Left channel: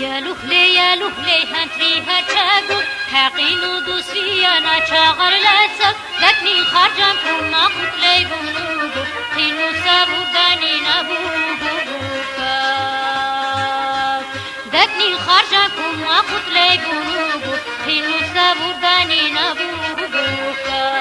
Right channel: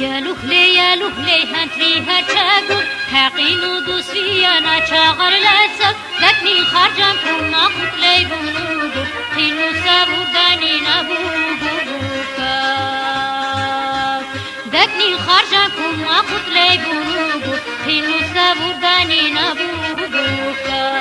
يا لهلي هنتليها تشاقر حقين دوسيانا تشاغر لاسك ذاتني خرجا كنا قتلي بلوغو خيلو سابو داني نبوغوكا ذاتني خرجا كنا قتلي بلوغو خيلو سابو داني نبوغوكا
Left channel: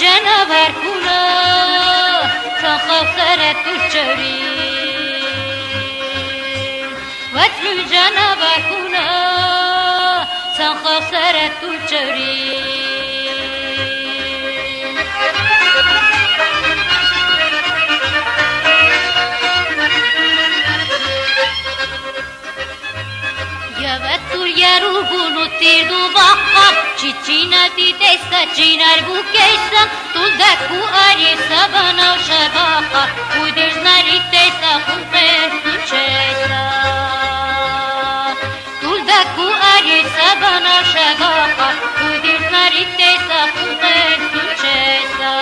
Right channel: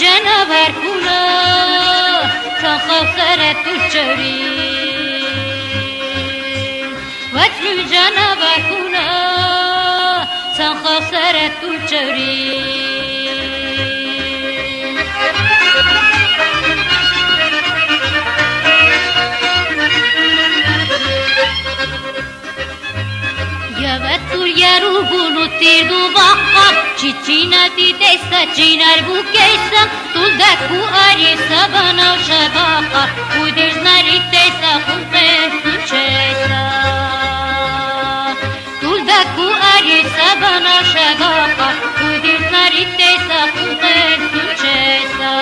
جنبر كنا تخسرت الجري واتل جنبر كنا تخسرت الجري Yaru bunu tiru bakka Çiçina ti testa çinar bu keşta Tulda ku arye sabana şadaka Uydur nari testa kulten çesta Tulda ku arye sabana şadaka Uydur nari testa kulten çesta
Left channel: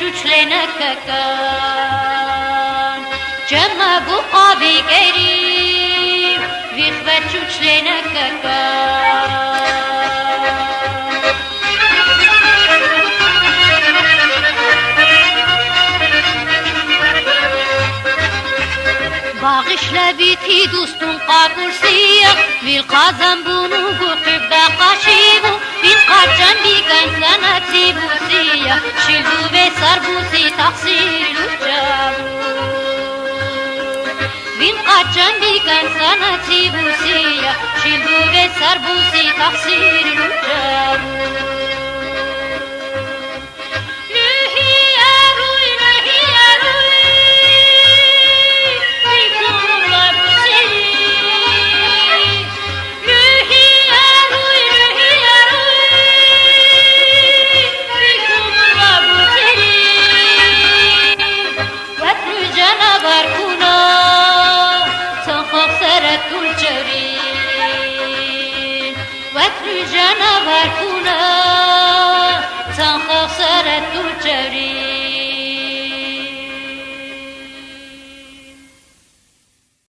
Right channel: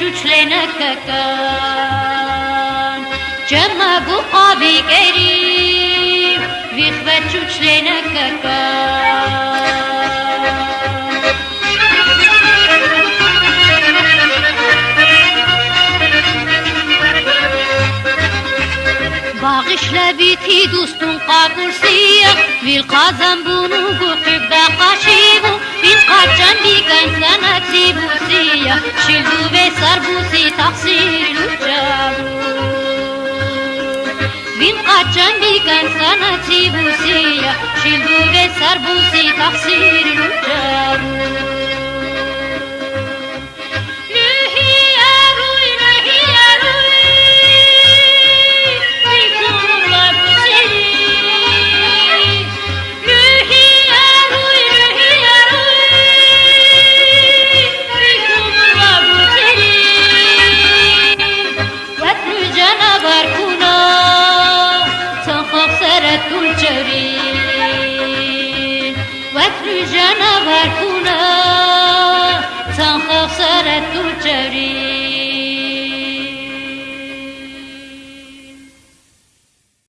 Güçlenek kakan Cema bu abi kerim Vihvet güçlenek kakan Bağışla biti dostum kabusiya Bil kazan bunu bu hübbe kaşibu Bil kaçan diken sana tibusiya Şildu ve sarbusi taksiru cabu Bil kaçan diken sana tibusiya Şildu ve sarbusi taksiru cabu Barkuna تخسرت الجري واتل جنبر كنا